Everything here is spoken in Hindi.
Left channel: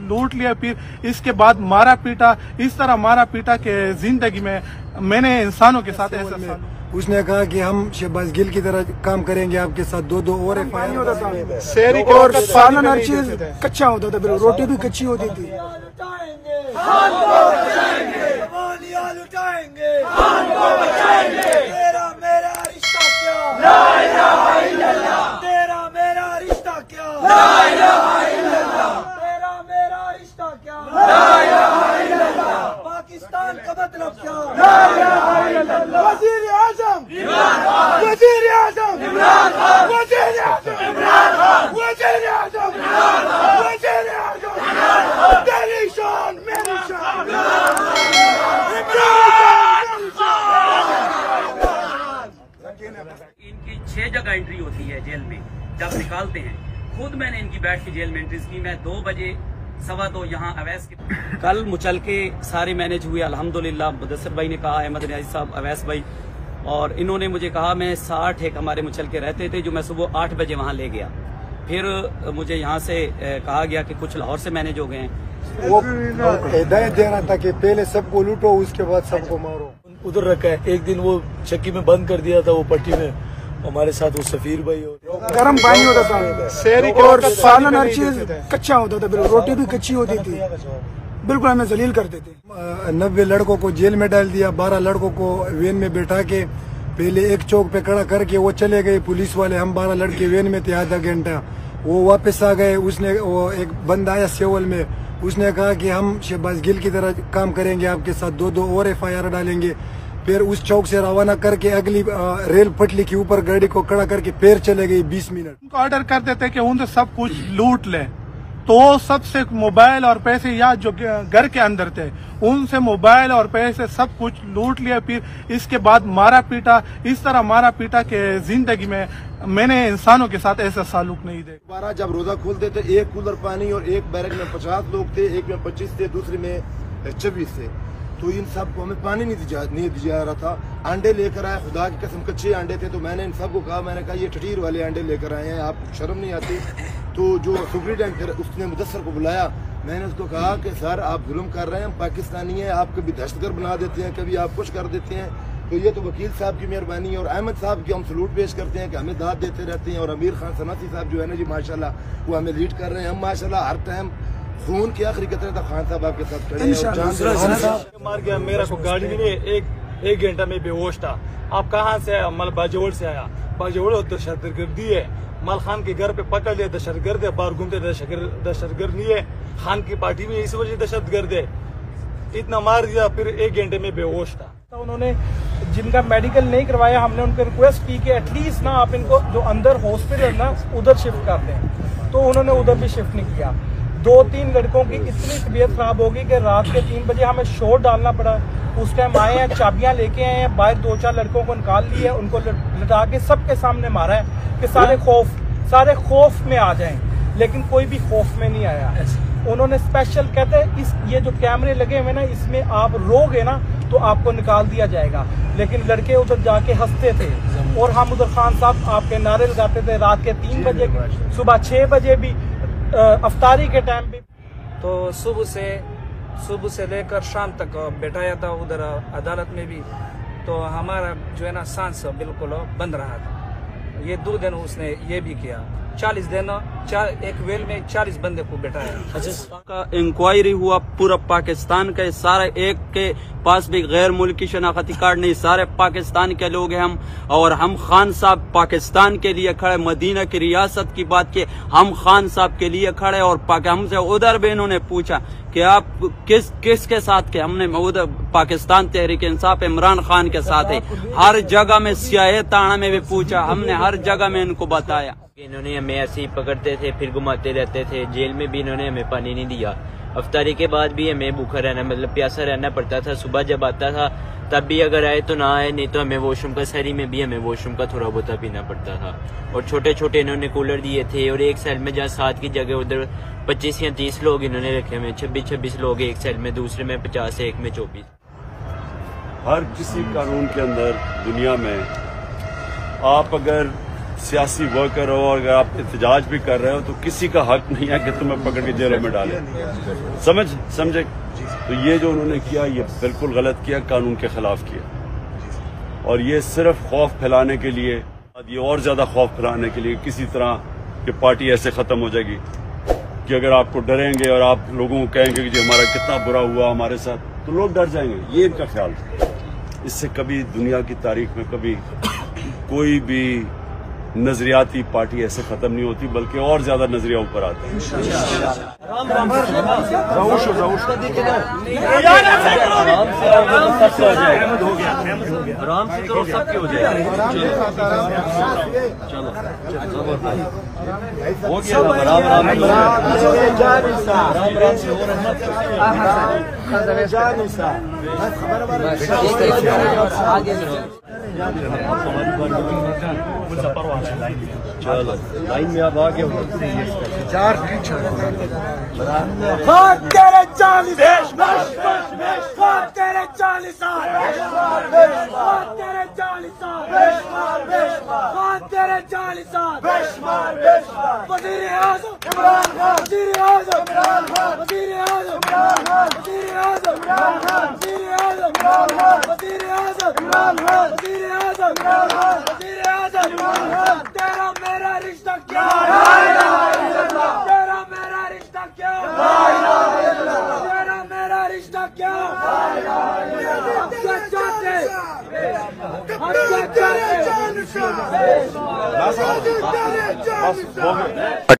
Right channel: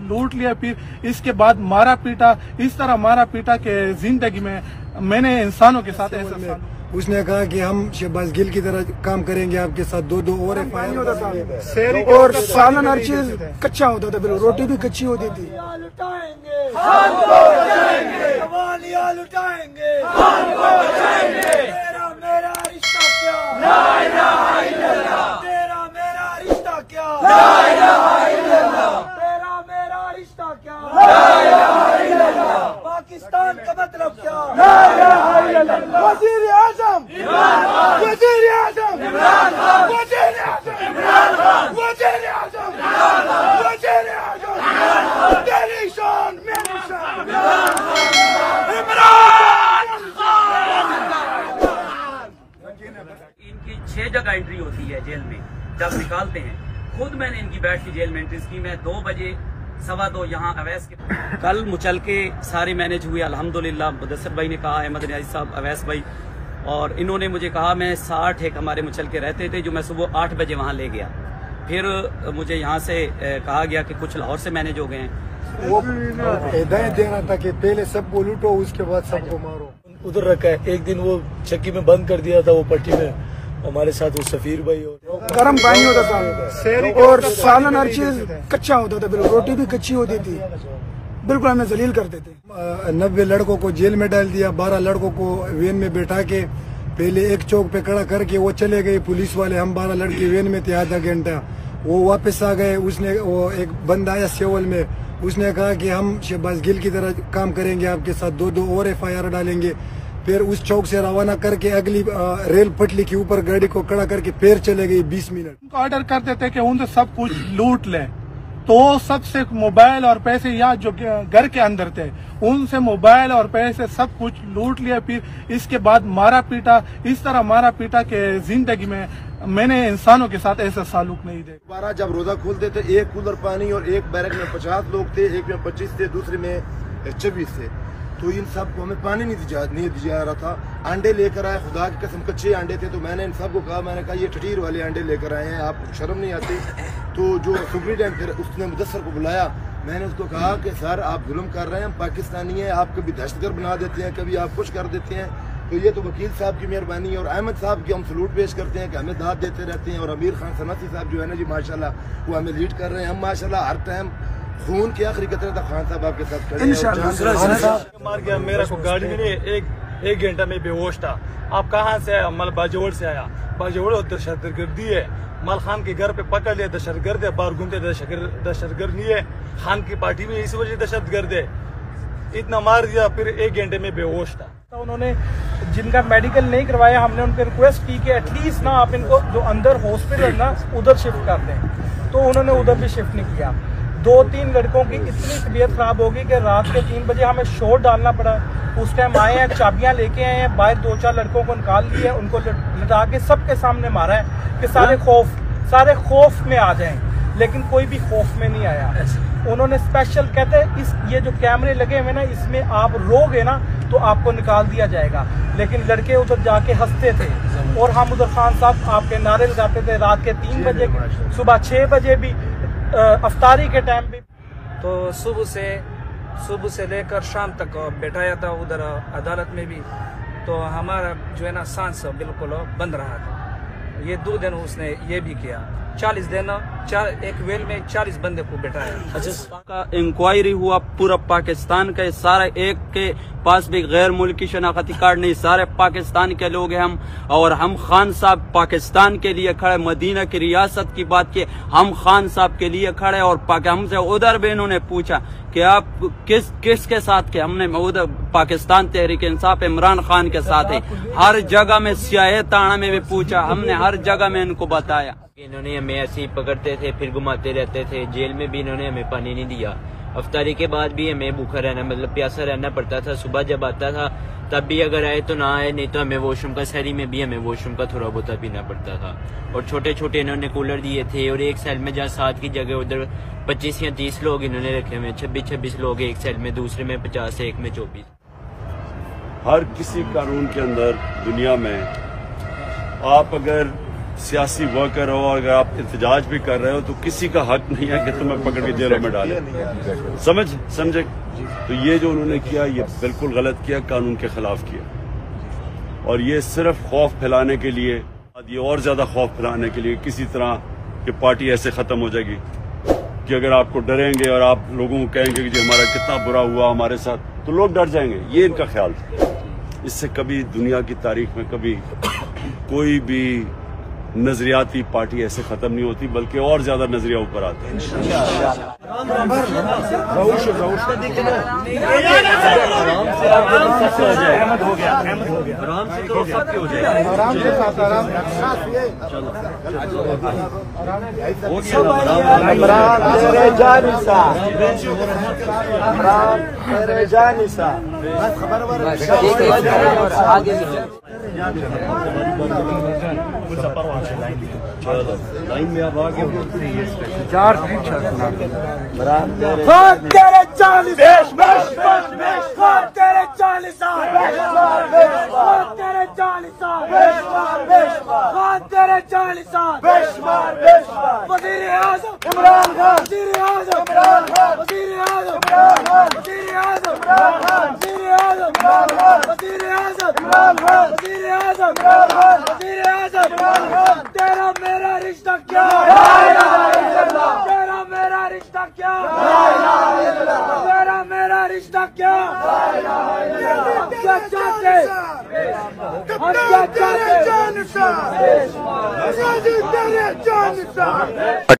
लूट लिया, फिर इसके बाद मारा पीटा, इस तरह मारा पीटा के जिंदगी में मैंने इंसानों के साथ ऐसा। उसने कहा कि हम शहबाज गिल की तरह काम करेंगे आपके साथ, दो और FIR होता था और सालन हर चीज कच्चा होता था, बिल्कुल रोटी भी कच्ची होती थी। पाकिस्तान का मतलब क्या? वज़ीर आज़म, वज़ीर आज़म, वज़ीर आज़म, वज़ीर आज़म, वज़ीर आज़म, तेरी शान मेरी शान, इमरान खान। इनकी 6 जगह एंट्री होती है जेल में, जब निकालते हैं। खुद मैंने इनकी बैठ की जेल में एंट्री की। मैं 2 बजे 2:15 यहाँ अवैस के कल मुचल के सारे मैनेज हुए अल्हम्दुलिल्लाह। मुदस्सिर भाई ने कहा, अहमद नियाज़ी साहब, अवैस भाई, और इन्होंने मुझे कहा मैं 60 एक हमारे मुचल के रहते थे जो मैं सुबह 8 बजे वहाँ ले गया। फिर मुझे यहाँ से कहा गया कि कुछ लाहौर से मैनेज हो गए हैं। वो हिदायत दे रहा था कि पहले सबको लूटो उसके बाद सबको मारो। उधर रखा है। एक दिन वो चक्की में बंद कर दिया था वो पट्टी में, हमारे साथ वो सफीर भाई और गर्म पानी होता था और सालन हर चीज कच्चा होता था, बिल्कुल रोटी भी कच्ची होती थी, बिल्कुल हमें जलील करते थे। 90 लड़कों को जेल में डाल दिया, 12 लड़कों को वैन में बैठा के पहले एक चौक पे खड़ा करके वो चले गए पुलिस वाले। हम 12 लड़के वैन में थे आधा घंटा, वो वापस आ गए। उसने वो एक बंदा आया सेवल में, उसने कहा कि हम शहबाज गिल की तरह काम करेंगे आपके साथ, दो और FIR डालेंगे। फिर उस चौक से रवाना करके अगली रेल पटली के ऊपर गाड़ी को खड़ा करके फिर चले गई 20 मिनट। उनको ऑर्डर कर देते कि उनसे सब कुछ लूट ले, तो सबसे मोबाइल और पैसे या जो घर के अंदर थे उनसे मोबाइल और पैसे सब कुछ लूट लिया। फिर इसके बाद मारा पीटा, इस तरह मारा पीटा के जिंदगी में मैंने इंसानों के साथ ऐसा सालूक नहीं देखा। दोबारा जब रोजा खोलते थे, एक कूलर पानी और एक बैरक में 50 लोग थे, एक में 25 थे, दूसरे में 26 थे। तो इन सबको हमें पानी नहीं दिया जा रहा था। अंडे लेकर आए, खुदा की कसम कच्चे अंडे थे। तो मैंने इन सबको कहा, मैंने कहा ये ठठीर वाले अंडे लेकर आए हैं, आपको शर्म नहीं आती? तो जो सुप्रीटेंडेंट फिर उसने मुदस्सिर को बुलाया, मैंने उसको कहा कि सर आप जुल्म कर रहे हैं, हम पाकिस्तानी हैं, आप कभी दहशतगर्द बना देते हैं, कभी आप कुछ कर देते हैं। तो ये तो वकील साहब की मेहरबानी है और अहमद साहब की हम सलूट पेश करते हैं कि हमें दाद देते रहते हैं। और अमीर खान सनाती साहब जो है ना जी, माशाल्लाह वो हमें लीड कर रहे हैं। हम माशाल्लाह हर टाइम खून की आखिरी कतरे तक खान साहब आपके साथ खड़े हैं। मार गया मेरा को गाड़ी में एक घंटा में बेहोश था। आप कहाँ से आया? मल बाजोड़ से आया। बाजोड़ दहशतगर्दी है। मल खान के घर पे पकड़ लिया, दहशतगर्द है। बाहर घूमते दहशतगर्द नहीं है, खान की पार्टी में इस वजह दहशतगर्द है। इतना मार दिया, फिर 1 घंटे में बेहोश था। तो उन्होंने जिनका मेडिकल नहीं करवाया, हमने उनसे रिक्वेस्ट की कि एटलीस्ट ना आप इनको जो अंदर हॉस्पिटल ना उधर शिफ्ट कर दें, तो उन्होंने उधर भी शिफ्ट नहीं किया। 2-3 लड़कों की इतनी तबीयत खराब होगी कि रात के 3 बजे हमें शोर डालना पड़ा। उस टाइम आए हैं, चाबियां लेके आए हैं, बाहर 2-4 लड़कों को निकाल लिए, उनको लटा के सबके सामने मारा है कि सारे खौफ में आ जाएं, लेकिन कोई भी खौफ में नहीं आया। उन्होंने स्पेशल कहते हैं ये जो कैमरे लगे हुए ना, इसमें आप रोगे ना तो आपको निकाल दिया जाएगा। लेकिन लड़के उधर जाके हंसते थे और हम उधर खान साहब आपके नारे लगाते थे रात के 3 बजे, सुबह 6 बजे भी, अफ्तारी के टाइम भी। तो सुबह से लेकर शाम तक बैठाया था उधर अदालत में भी। तो हमारा जो है ना सांस बिल्कुल बंद रहा था। ये 2 दिन उसने ये भी किया। 40 दिन एक वेल में 40 बंदे को बैठाया। का इंक्वायरी हुआ पूरा पाकिस्तान का, सारे एक के पास भी गैर मुल्की शनाख्ती कार्ड नहीं, सारे पाकिस्तान के लोग हैं हम। और हम खान साहब पाकिस्तान के लिए खड़े, मदीना की रियासत की बात की, हम खान साहब के लिए खड़े। और हमसे उधर भी इन्होंने पूछा कि आप किसके साथ के? हमने उधर पाकिस्तान तहरीक इंसाफ इमरान खान के साथ है। हर जगह में सियाह ताना में भी पूछा, हमने हर जगह में इनको बताया। इन्होंने हमें ऐसे ही पकड़ते थे, फिर घुमाते रहते थे। जेल में भी इन्होंने हमें पानी नहीं दिया। अफ्तारी के बाद भी हमें भूखा रहना, मतलब प्यासा रहना पड़ता था। सुबह जब आता था तब भी अगर आए तो ना आए, नहीं तो हमें वॉशरूम का, शहरी में भी हमें वॉशरूम का थोड़ा बहुत पीना पड़ता था। और छोटे छोटे इन्होंने कूलर दिए थे। और एक सेल में जहाँ 7 की जगह उधर 25 या 30 लोग इन्होंने रखे हुए, 26 लोग एक सेल में, दूसरे में 50, एक में 24। हर किसी कानून के अंदर दुनिया में आप अगर सियासी वर्कर हो और अगर आप एहतजाज भी कर रहे हो तो किसी का हक नहीं है कि तुम्हें पकड़ के जेलों में डाले। समझे? तो ये जो उन्होंने किया ये बिल्कुल गलत किया, कानून के खिलाफ किया। और ये सिर्फ खौफ फैलाने के लिए, ये और ज्यादा खौफ फैलाने के लिए किसी तरह कि पार्टी ऐसे खत्म हो जाएगी कि अगर आपको डरेंगे और आप लोगों को कहेंगे कि जी हमारा कितना बुरा हुआ हमारे साथ, तो लोग डर जाएंगे। ये इनका ख्याल था। इससे कभी दुनिया की तारीख में कभी कोई भी नजरियाती पार्टी ऐसे खत्म नहीं होती, बल्कि और ज्यादा नजरिया ऊपर आता है। लाइन में अब आगे चार तेरे 40 तेरा मेरा रिश्ता क्या, तेरा मेरा रिश्ता क्या, तेरा मेरा रिश्ता क्या, हम क्या चाहते